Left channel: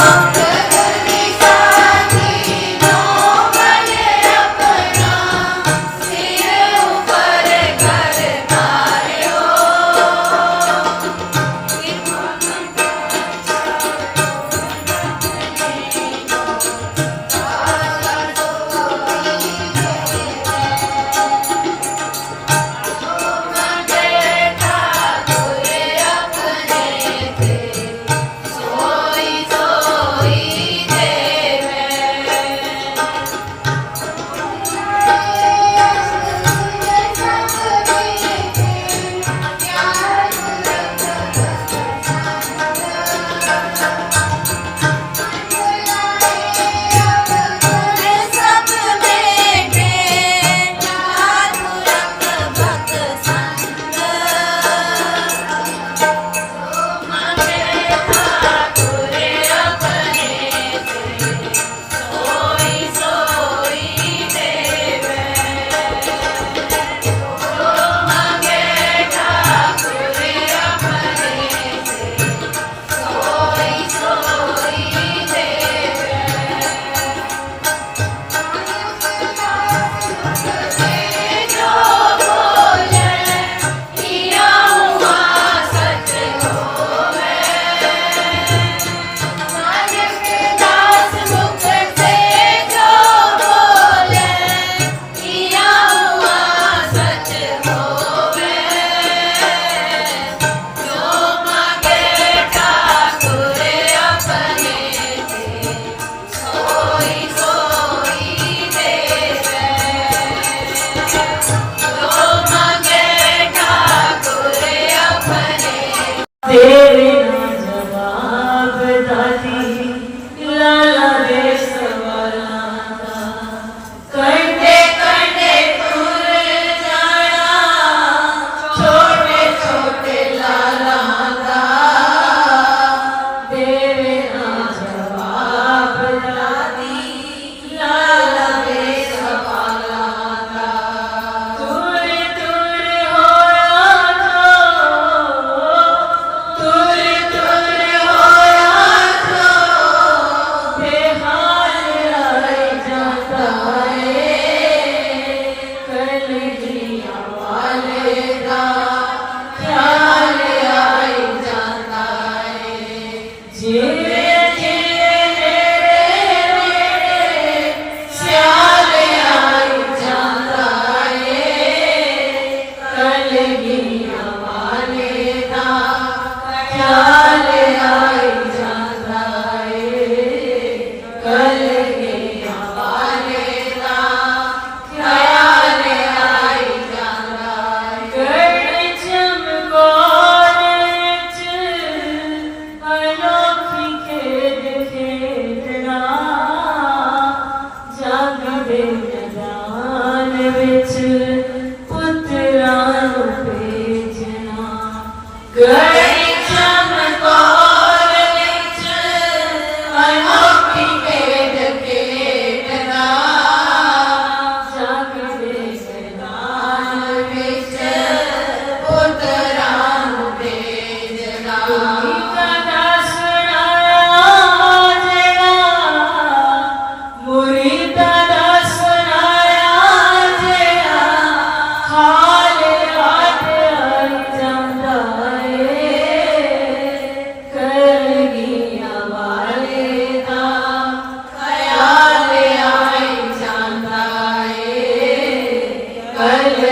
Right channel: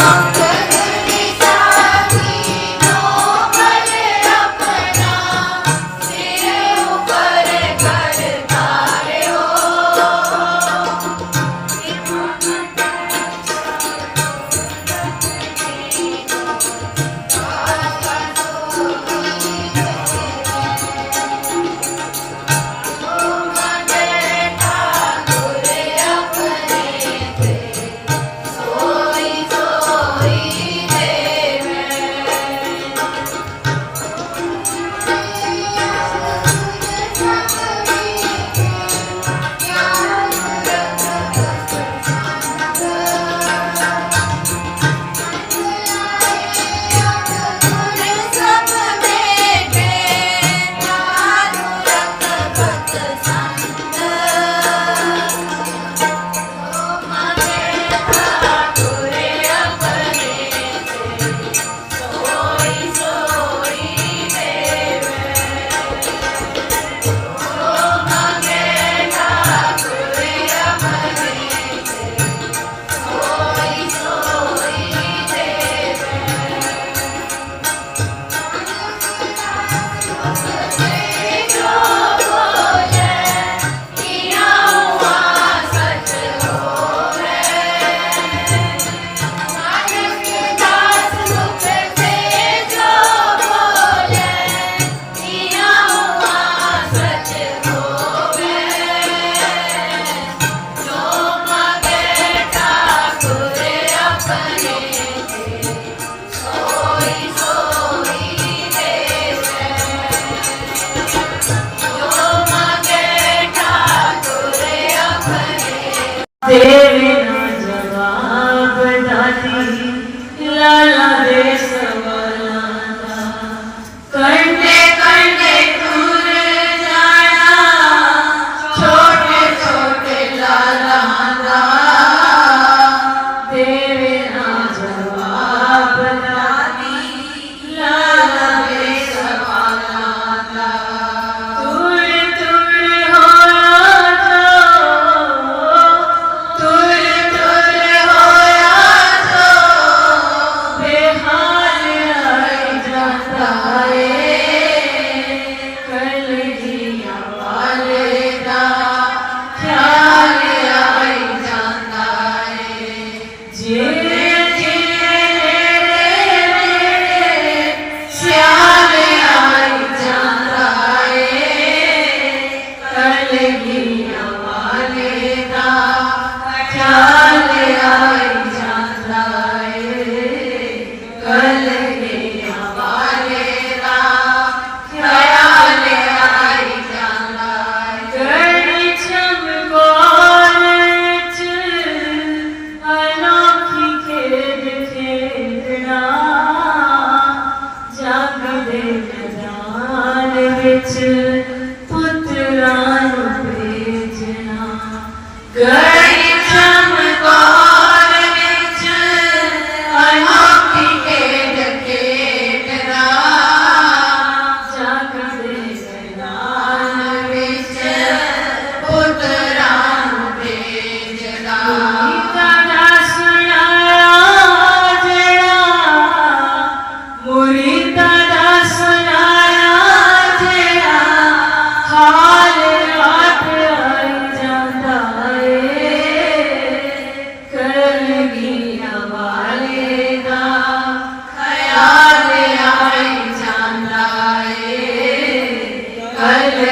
Okay. तेरे ना जवाब दादी लाला Praise God.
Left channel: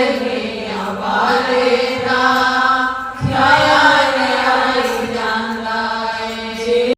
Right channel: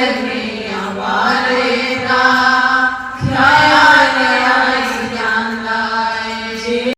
Amén.